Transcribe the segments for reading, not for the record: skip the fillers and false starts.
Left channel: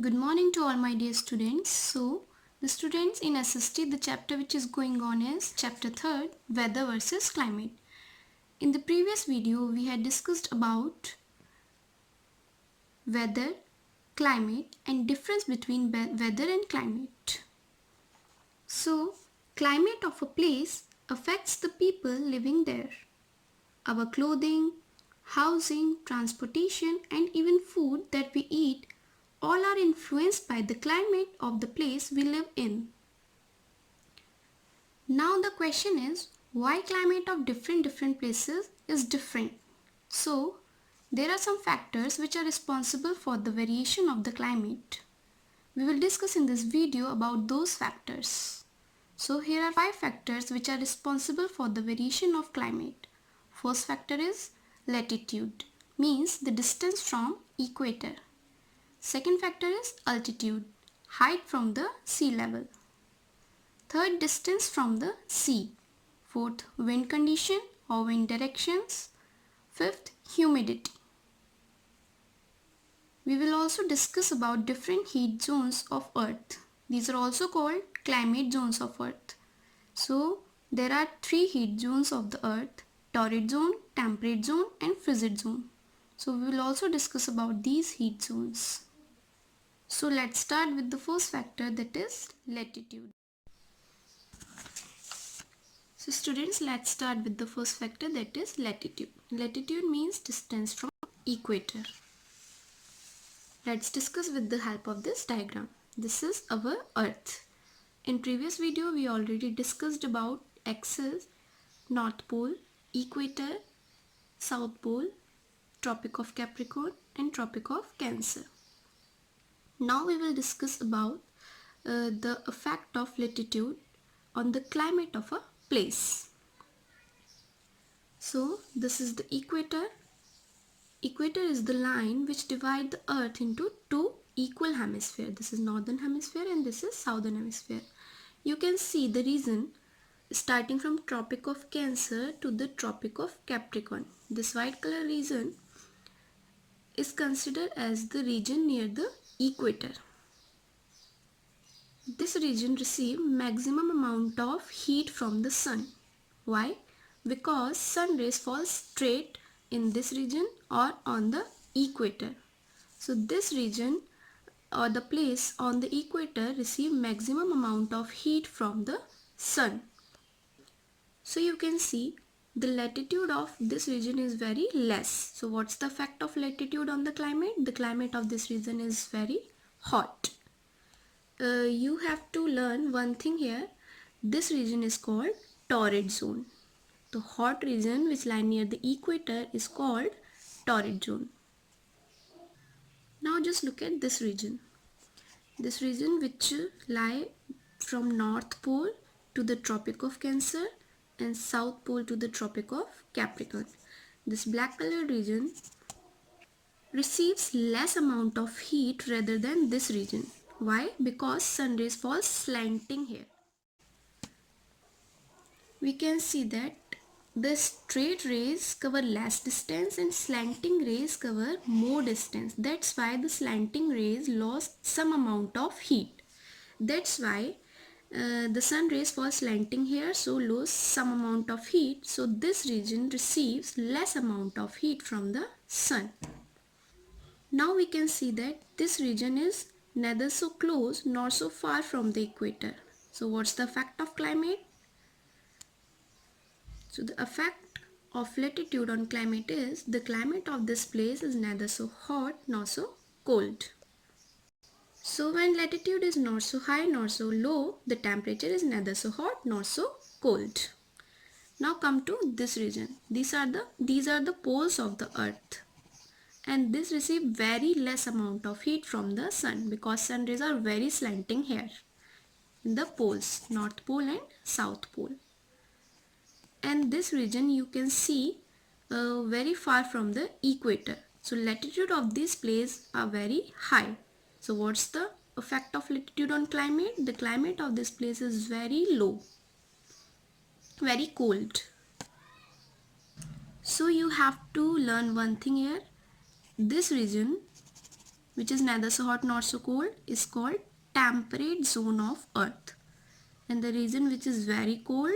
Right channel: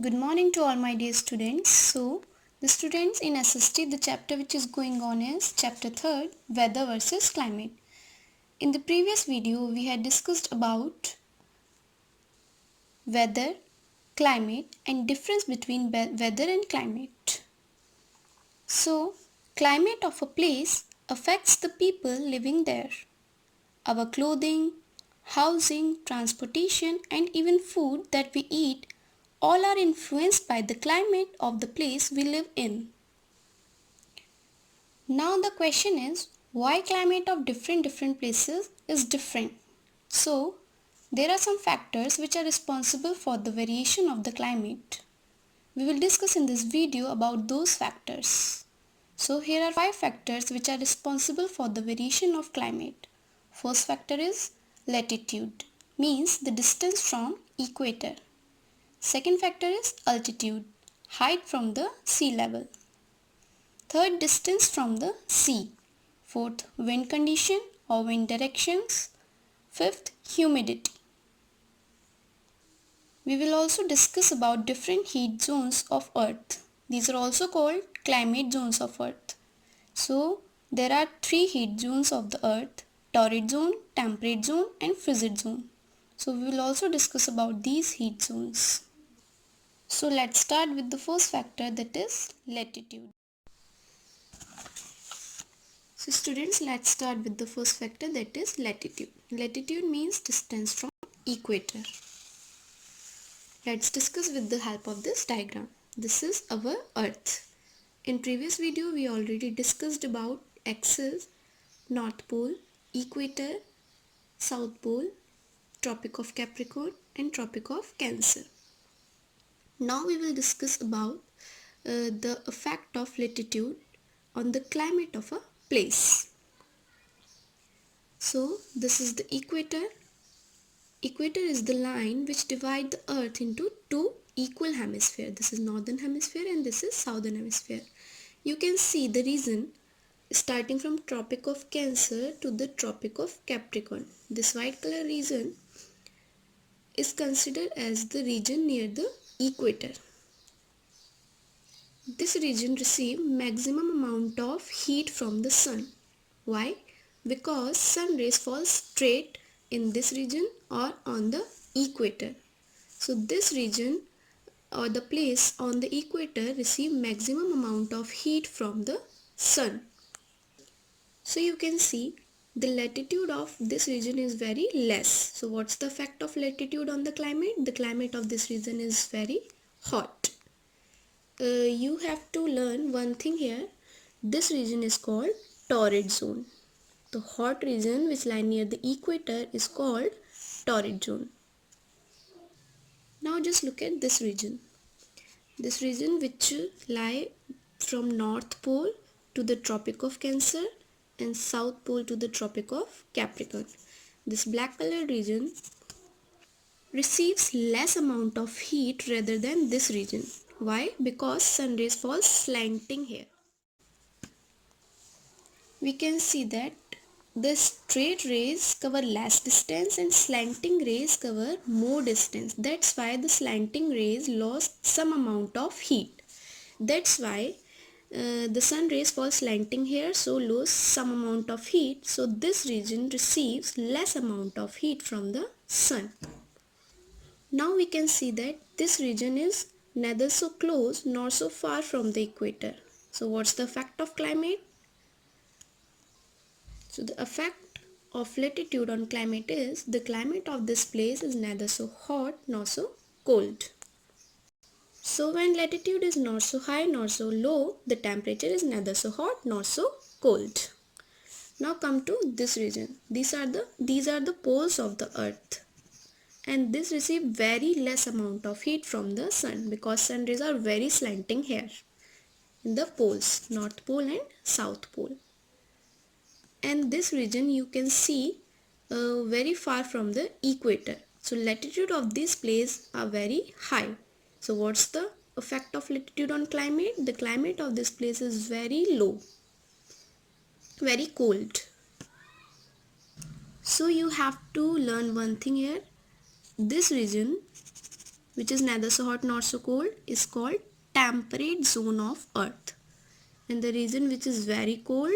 Good morning to all my dear students. The students in SST, the chapter which is going on is chapter 3rd, Weather versus Climate. In the previous video, we had discussed about weather, climate and difference between weather and climate. So, climate of a place affects the people living there. Our clothing, housing, transportation and even food that we eat all are influenced by the climate of the place we live in. Now the question is why climate of different places is different. So there are some factors which are responsible for the variation of the climate. We will discuss in this video about those factors. So here are 5 factors which are responsible for the variation of climate. First factor is latitude, means the distance from equator. Second factor is altitude, height from the sea level. Third, distance from the sea. Fourth, wind condition or wind directions. Fifth, humidity. We will also discuss about different heat zones of earth. These are also called climate zones of earth. So there are 3 heat zones of the earth: torrid zone, temperate zone and frigid zone. So we will also discuss about these heat zones. So let's start with the first factor, that is latitude. So students, let's start with the first factor, that is latitude. Latitude means distance from equator. Let's discuss with the help of this diagram. This is our earth. In previous video we already discussed about axis, north pole, equator, south pole, tropic of Capricorn and tropic of Cancer. Now we will discuss about the effect of latitude on the climate of a place. So this is the equator. Equator is the line which divides the earth into 2 equal hemispheres. This is northern hemisphere and this is southern hemisphere. You can see the region starting from tropic of Cancer to the tropic of Capricorn. This white color region is considered as the region near the equator. This region receives maximum amount of heat from the sun. Why? Because sun rays fall straight in this region or on the equator. So this region or the place on the equator receive maximum amount of heat from the sun. So you can see the latitude of this region is very less. So what's the effect of latitude on the climate? The climate of this region is very hot. You have to learn one thing here. This region is called torrid zone. The hot region which lie near the equator is called torrid zone. Now just look at this region. This region which lie from North Pole to the Tropic of Cancer and South Pole to the Tropic of Capricorn. This black color region receives less amount of heat rather than this region. Why? Because sun rays fall slanting here. We can see that the straight rays cover less distance and slanting rays cover more distance. That's why the slanting rays lost some amount of heat. That's why the sun rays fall slanting here, so lose some amount of heat. So this region receives less amount of heat from the sun. Now we can see that this region is neither so close nor so far from the equator. So what's the effect of climate? So the effect of latitude on climate is the climate of this place is neither so hot nor so cold. So when latitude is not so high nor so low, the temperature is neither so hot nor so cold. Now come to this region. These are the poles of the earth. And this receive very less amount of heat from the sun because sun rays are very slanting here in the poles, North Pole and South Pole. And this region you can see very far from the equator. So latitude of this place are very high. So what's the effect of latitude on climate? The climate of this place is very low, very cold. So you have to learn one thing here. This region which is neither so hot nor so cold, is called temperate zone of Earth. And the region which is very cold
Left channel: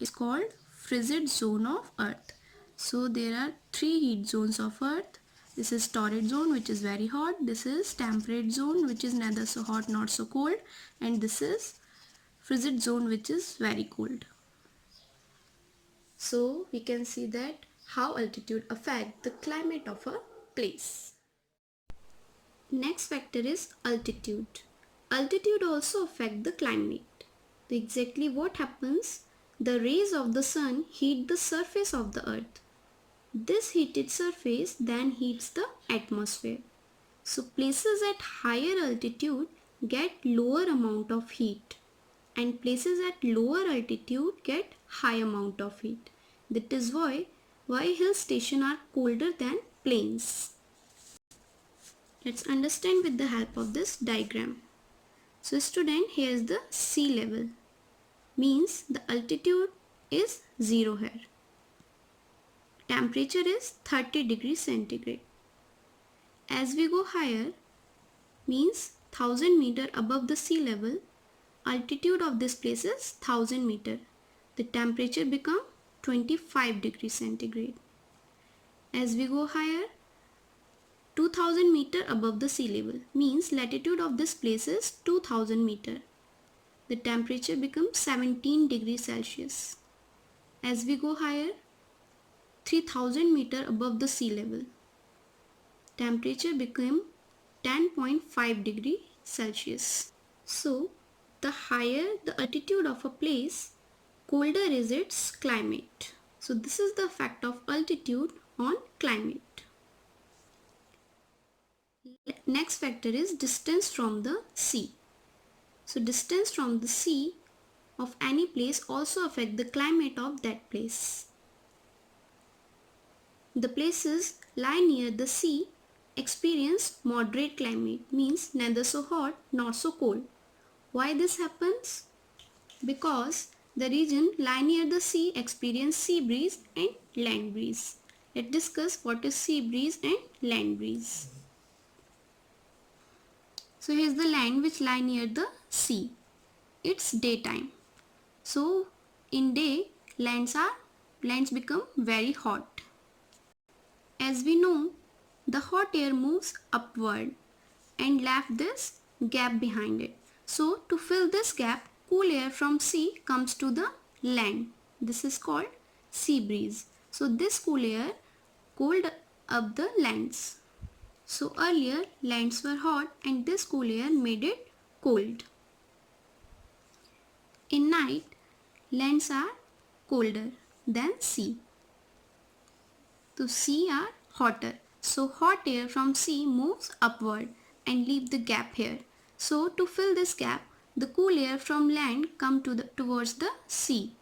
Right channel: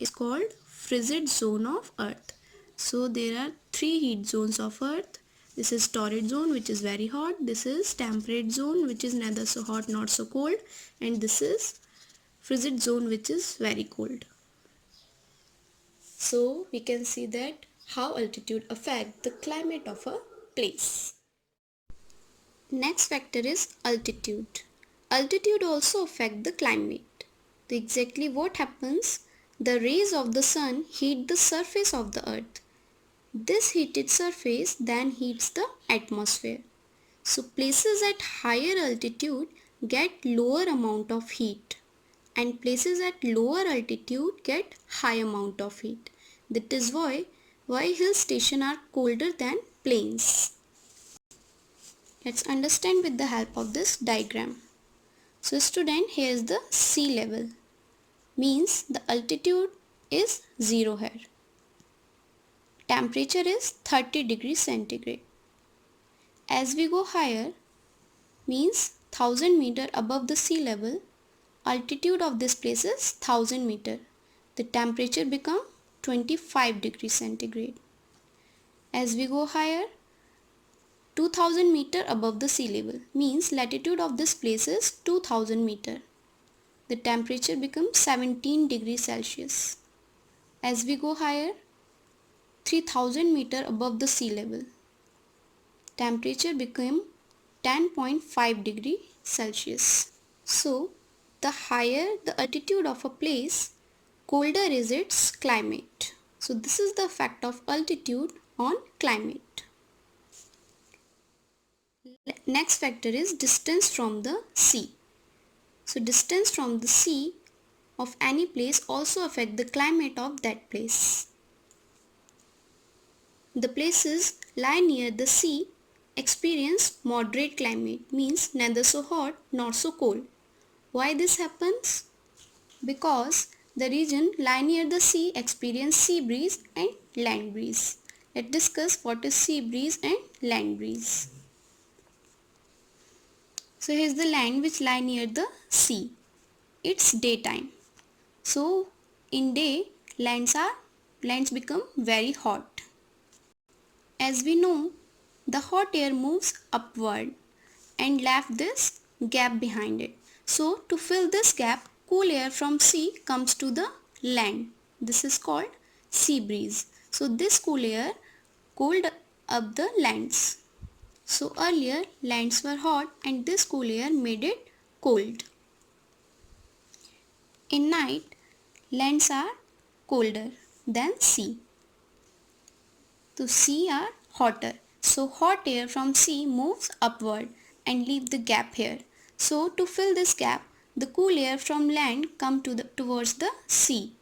is called frigid zone of Earth. So there are three heat zones of Earth. This is torrid zone, which is very hot. This is temperate zone, which is neither so hot nor so cold. And this is frigid zone, which is very cold. So we can see that how altitude affect the climate of a place. Next factor is altitude. Altitude also affect the climate. Exactly what happens? The rays of the sun heat the surface of the earth. This heated surface then heats the atmosphere. So places at higher altitude get lower amount of heat and places at lower altitude get high amount of heat. That is why hill stations are colder than plains. Let's understand with the help of this diagram. So student, here is the sea level. Means the altitude is 0 here. Temperature is 30 degrees centigrade. As we go higher, means 1000 meter above the sea level, altitude of this place is 1000 meter. The temperature become 25 degrees centigrade. As we go higher, 2000 meter above the sea level, means latitude of this place is 2000 meter. The temperature becomes 17 degrees Celsius. As we go higher, 3000 meter above the sea level, temperature become 10.5 degree Celsius. So the higher the altitude of a place, colder is its climate. So this is the effect of altitude on climate. Next factor is distance from the sea. So distance from the sea of any place also affect the climate of that place. The places lie near the sea experience moderate climate, means neither so hot nor so cold. Why this happens? Because the region lie near the sea experience sea breeze and land breeze. Let's discuss what is sea breeze and land breeze. So here's the land which lie near the sea. It's daytime. So in day lands become very hot. As we know, the hot air moves upward and left this gap behind it. So to fill this gap, cool air from sea comes to the land. This is called sea breeze. So this cool air cooled up the lands. So earlier lands were hot and this cool air made it cold. In night, lands are colder than sea. So sea are hotter. So hot air from sea moves upward and leave the gap here. So to fill this gap, the cool air from land come towards the sea.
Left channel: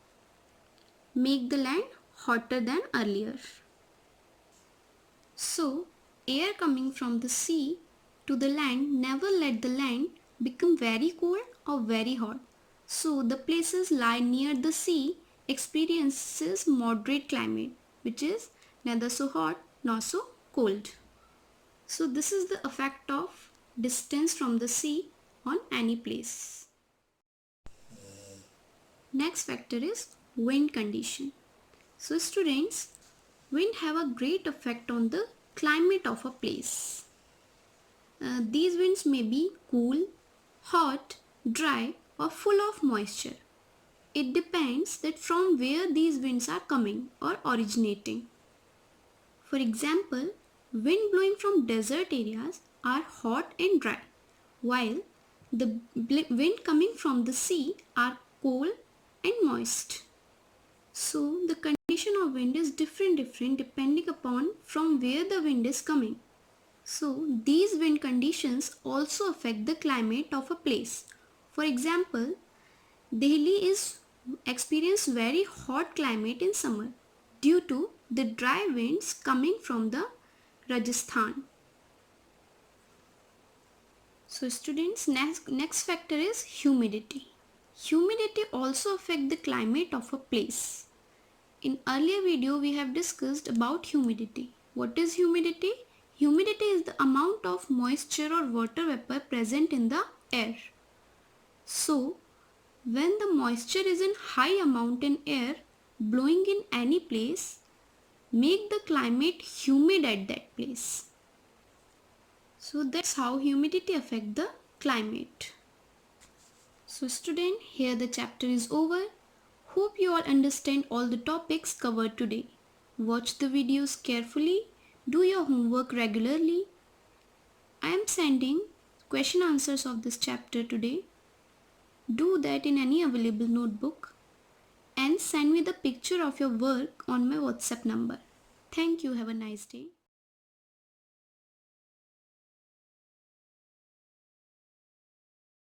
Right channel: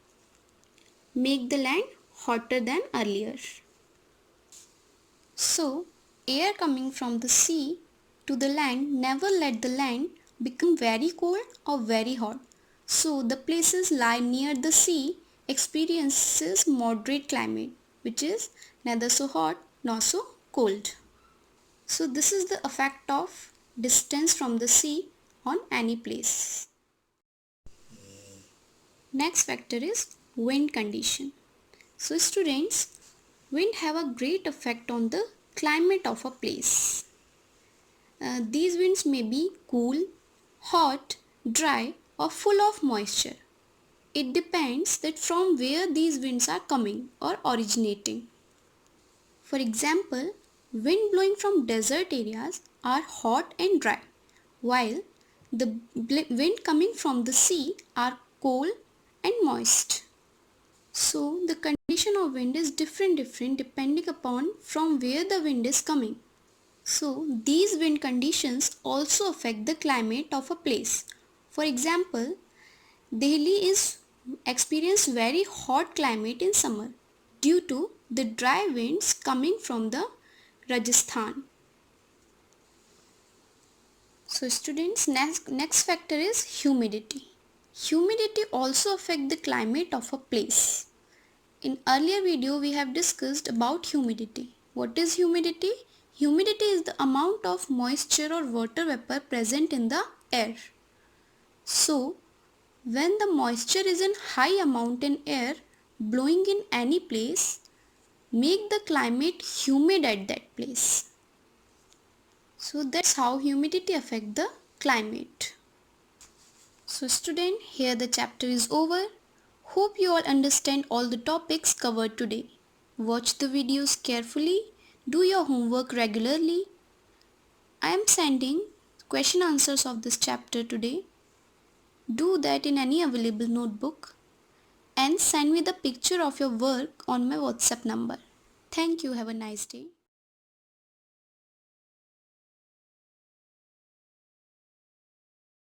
Make the land hotter than earlier. So air coming from the sea to the land never let the land become very cold or very hot. So the places lie near the sea experiences moderate climate, which is neither so hot nor so cold. So this is the effect of distance from the sea on any place. Next factor is wind condition. So students, wind have a great effect on the climate of a place. These winds may be cool, hot, dry or full of moisture. It depends that from where these winds are coming or originating. For example, wind blowing from desert areas are hot and dry, while the wind coming from the sea are cold and moist. So the condition of wind is different depending upon from where the wind is coming. So these wind conditions also affect the climate of a place. For example, Delhi is experience very hot climate in summer due to the dry winds coming from the Rajasthan. So students, next factor is humidity. Humidity also affect the climate of a place. In earlier video we have discussed about humidity. What is humidity? Humidity is the amount of moisture or water vapor present in the air. So, when the moisture is in high amount in air blowing in any place, make the climate humid at that place. So that's how humidity affect the climate. So student, here the chapter is over. Hope you all understand all the topics covered today. Watch the videos carefully. Do your homework regularly. I am sending question answers of this chapter today. Do that in any available notebook and send me the picture of your work on my WhatsApp number. Thank you. Have a nice day.